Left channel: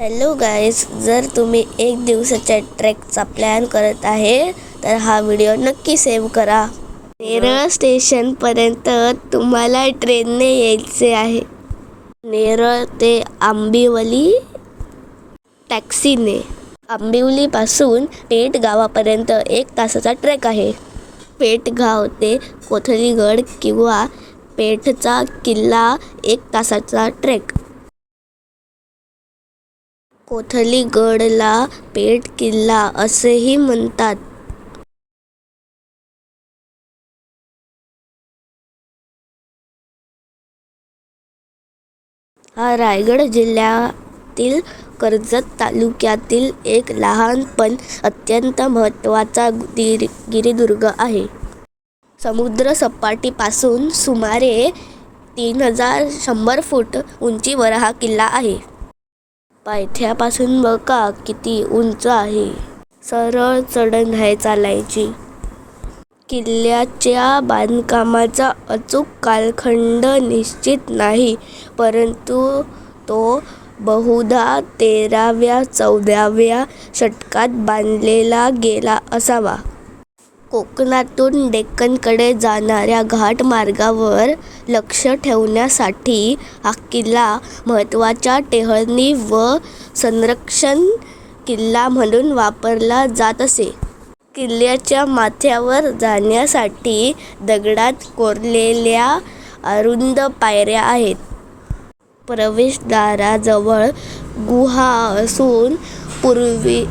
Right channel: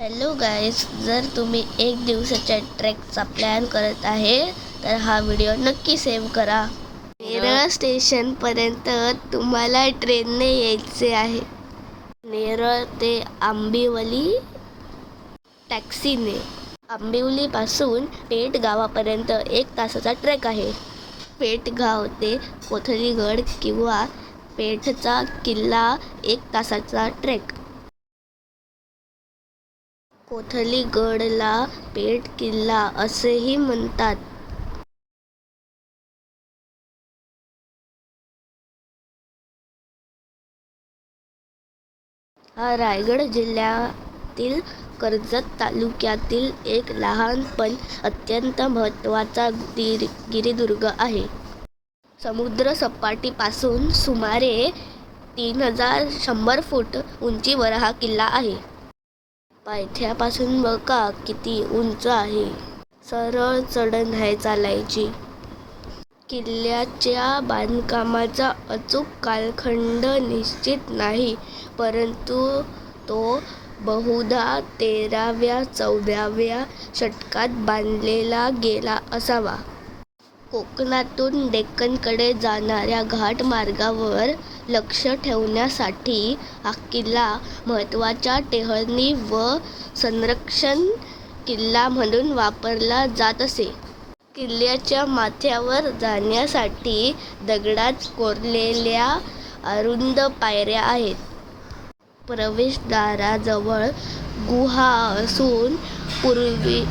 Hello guys, जर तुम्ही एक दिवसाच्या ट्रेकचा प्लॅन करत आहे तर हा व्हिडिओ नक्की सेव्ह करा. नेरळ स्टेशनपर्यंत तुम्हाला ट्रेनने यायचे आहे. नेरळ ते आंबिवली टॅक्सीने. आंबिवलीपासून पेठ गावापर्यंत 1 तासाचा ट्रेक आहे. पेठगाव ते कोथलीगड किंवा पेठचा किल्ला 1 तासाचा ट्रेक. कोथलीगडला पेठ किल्ला असेही म्हणतात. हा रायगड जिल्ह्यातील कर्जत तालुक्यातील एक लहान पण अत्यंत महत्त्वाचा गिरिदुर्ग आहे. समुद्रसपाटीपासून सुमारे 3100 फूट उंचीवर हा किल्ला आहे. पायथ्यापासून बघा किती उंच आहे. सरळ चढण आहे चालायची. किल्ल्याच्या बांधकामाचा अचूक कालखंड निश्चित नाही, परंतु तो बहुधा 13व्या-14व्या शतकात बांधलेला गेला असावा. कोकणातून डेक्कनकडे जाणाऱ्या घाटमार्गावर लक्ष ठेवण्यासाठी हा किल्ला महत्त्वाच्या टेहळणी व संरक्षण किल्ला म्हणून वापरला जात असे. किल्ल्याच्या माथ्यावर जाण्यासाठी दगडात कोरलेल्या अरुंद पायऱ्या आहेत. प्रवेशद्वाराजवळ गुहा असून पूर्वी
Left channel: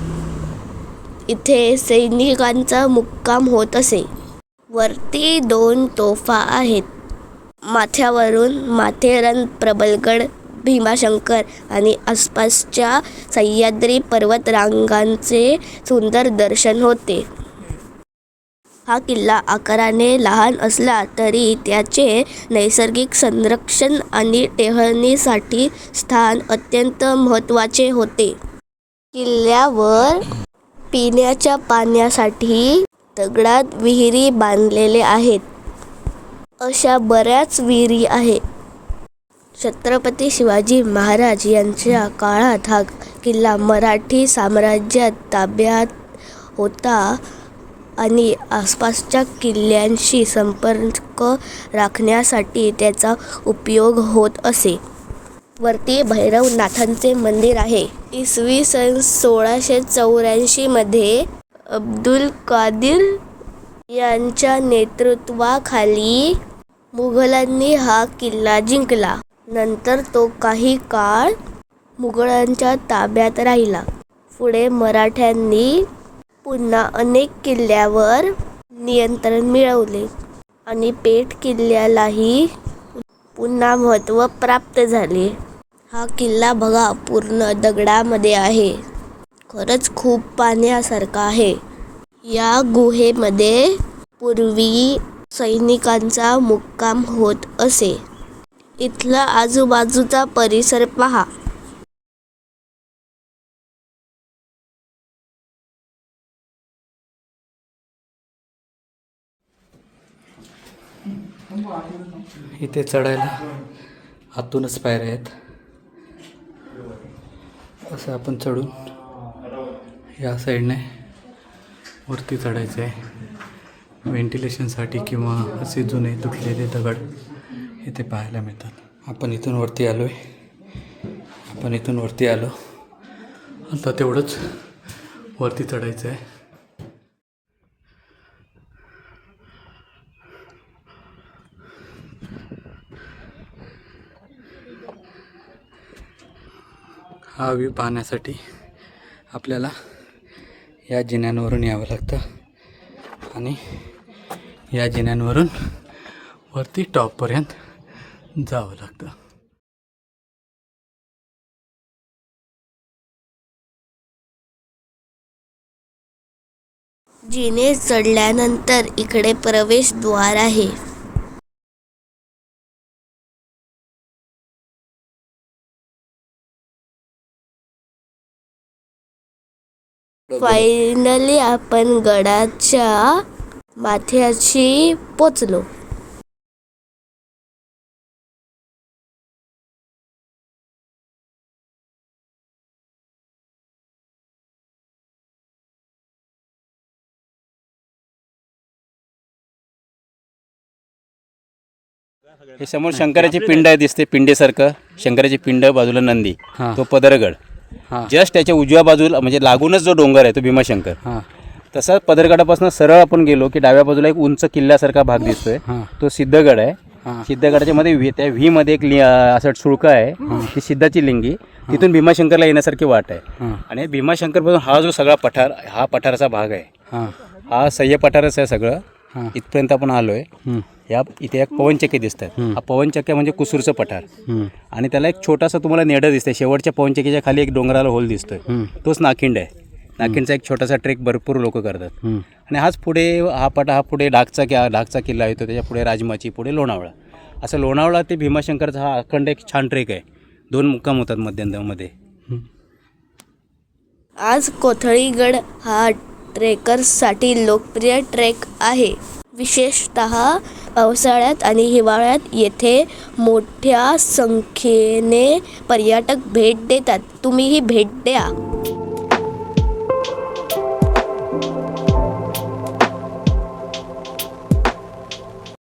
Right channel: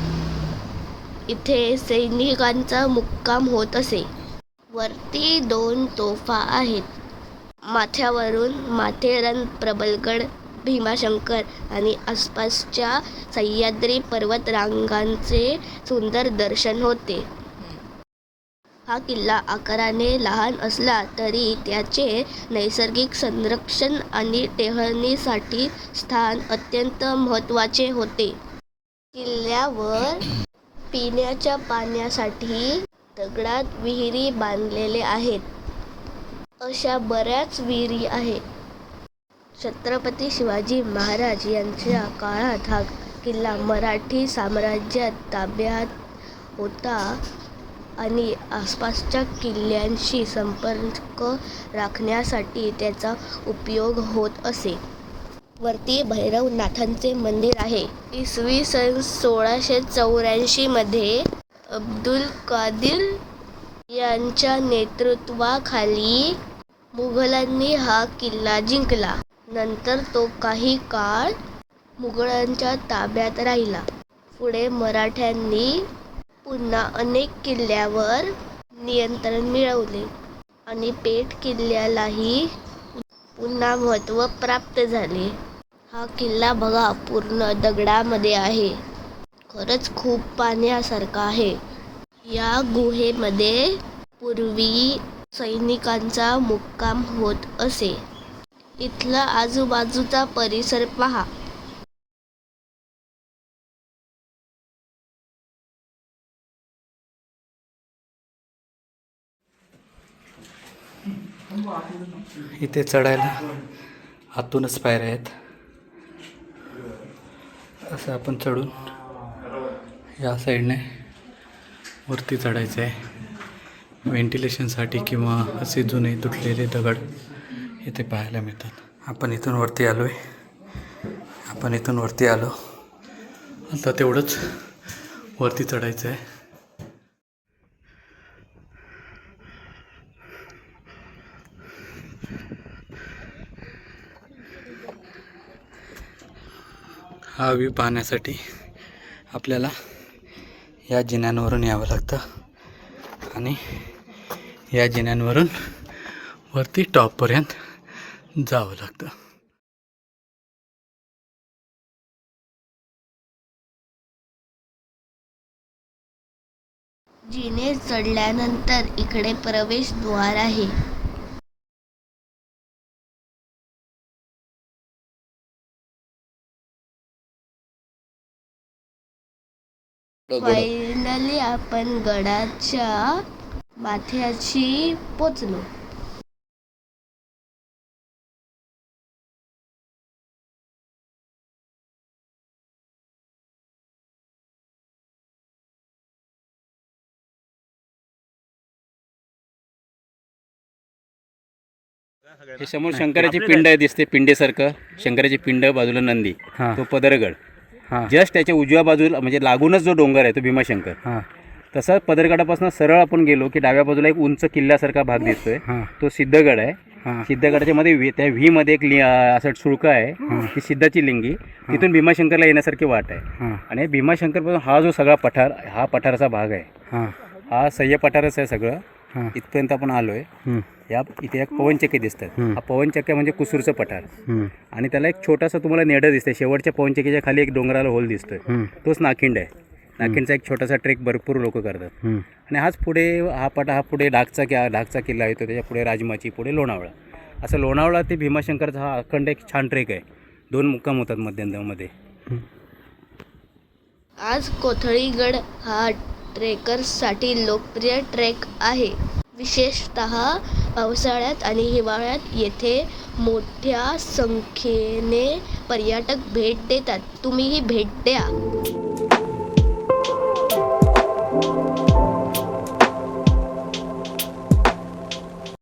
इथे सैनिकांचा मुक्काम होत असे. वरती 2 तोफा आहेत. माथ्यावरून माथेरान, प्रबलगड, भीमाशंकर आणि आसपासच्या सह्याद्री पर्वतरांगांचे सुंदर दर्शन होते. हा किल्ला आकाराने लहान असला तरी त्याचे नैसर्गिक संरक्षण आणि टेहळणीसाठी स्थान अत्यंत महत्त्वाचे होते. किल्ल्यावर पिण्याच्या पाण्यासाठी दगडात विहिरी बांधलेल्या आहेत. अशा बऱ्याच विहिरी आहेत. छत्रपती शिवाजी महाराज यांच्या काळात हा किल्ला मराठी साम्राज्यात ताब्यात होता आणि आसपासच्या किल्ल्यांशी संपर्क राखण्यासाठी त्याचा उपयोग होत असे. वरती भैरवनाथांचे मंदिर आहे. इसवी सन 1684 मध्ये अब्दुल कादीर यांच्या नेतृत्वाखाली मुघलांनी हा किल्ला जिंकला. नंतर तो काही काळ मुघलांच्या ताब्यात राहिला. पुढे मराठ्यांनी पुन्हा अनेक किल्ल्यांवर नियंत्रण मिळवले आणि पेठ किल्ल्यालाही पुन्हा महत्त्व प्राप्त झाले. हा किल्ला बघा, पूर्ण दगडामध्ये आहे. खरंच खूप पाहण्यासारखा आहे. या गुहेमध्ये पूर्वी सैनिकांचा मुक्काम होत असे. इथला आजूबाजूचा परिसर पहा. इथे चढायला आतूनच पायऱ्या आहेत. असं आपण चढून या साईडने वरती चढायचं आहे. व्हेंटिलेशनसाठी किंवा असे जुने तुटलेले दगड इथे पाहायला मिळतात. आपण इथून वरती आलो. आता तेवढंच वरती चढायचं आहे. हा व्ह्यू पाहण्यासाठी आपल्याला या जिन्यांवरून यावं लागतं आणि या जिन्यांवरून वरती टॉपपर्यंत जावं लागतं. जिने चढल्यानंतर इकडे प्रवेशद्वार आहे. फायनली आपण गडाच्या माथ्याशी पोचलो. हे समोर शंकराची पिंड दिसते, पिंडेसारखं शंकराची पिंड, बाजूला नंदी, हां. तो पदरगड. हां जस्ट त्याच्या उजव्या बाजूला म्हणजे लागूनच जो डोंगर आहे तो भीमाशंकर. हां तसा पदरगडापासून सरळ आपण गेलो की डाव्या बाजूला एक उंच किल्ल्यासारखा भाग दिसतोय, हां तो सिद्धगड आहे. हां सिद्धगडाच्या मध्ये त्या व्ही मध्ये एक असं शुल्क आहे, ती सिद्धाची लिंगी. तिथून भीमाशंकरला येण्यासारखी वाट आहे. हां आणि भीमाशंकरपासून हा जो सगळा पठार, हा पठाराचा भाग आहे. हां हा सह्य पठारच आहे सगळं. हां इथपर्यंत आपण आलोय. इथे एक पवनचक्की दिसतात. हा पवनचक्क्या म्हणजे कुसूरचं पठार. आणि त्याला एक छोटासा तुम्हाला नेडं दिसतंय. शेवटच्या पवनचक्कीच्या खाली एक डोंगराला होल दिसतोय, तोच नाखिंड आहे. नाखिंडचा एक छोटासा ट्रेक भरपूर लोक करतात. आणि हाच पुढे हा पुढे डाकचा किल्ला येतो, त्याच्या पुढे राजमाची, पुढे लोणावळा. असं लोणावळा ते भीमाशंकरचा हा अखंड एक छान ट्रेक आहे. 2 मुक्काम होतात मध्यंतरमध्ये. आज कोथळीगड हा ट्रेकर्ससाठी लोकप्रिय ट्रेक आहे. विशेषतः पावसाळ्यात आणि हिवाळ्यात येथे मोठ्या संख्येने पर्यटक भेट देतात. तुम्हीही भेट द्या.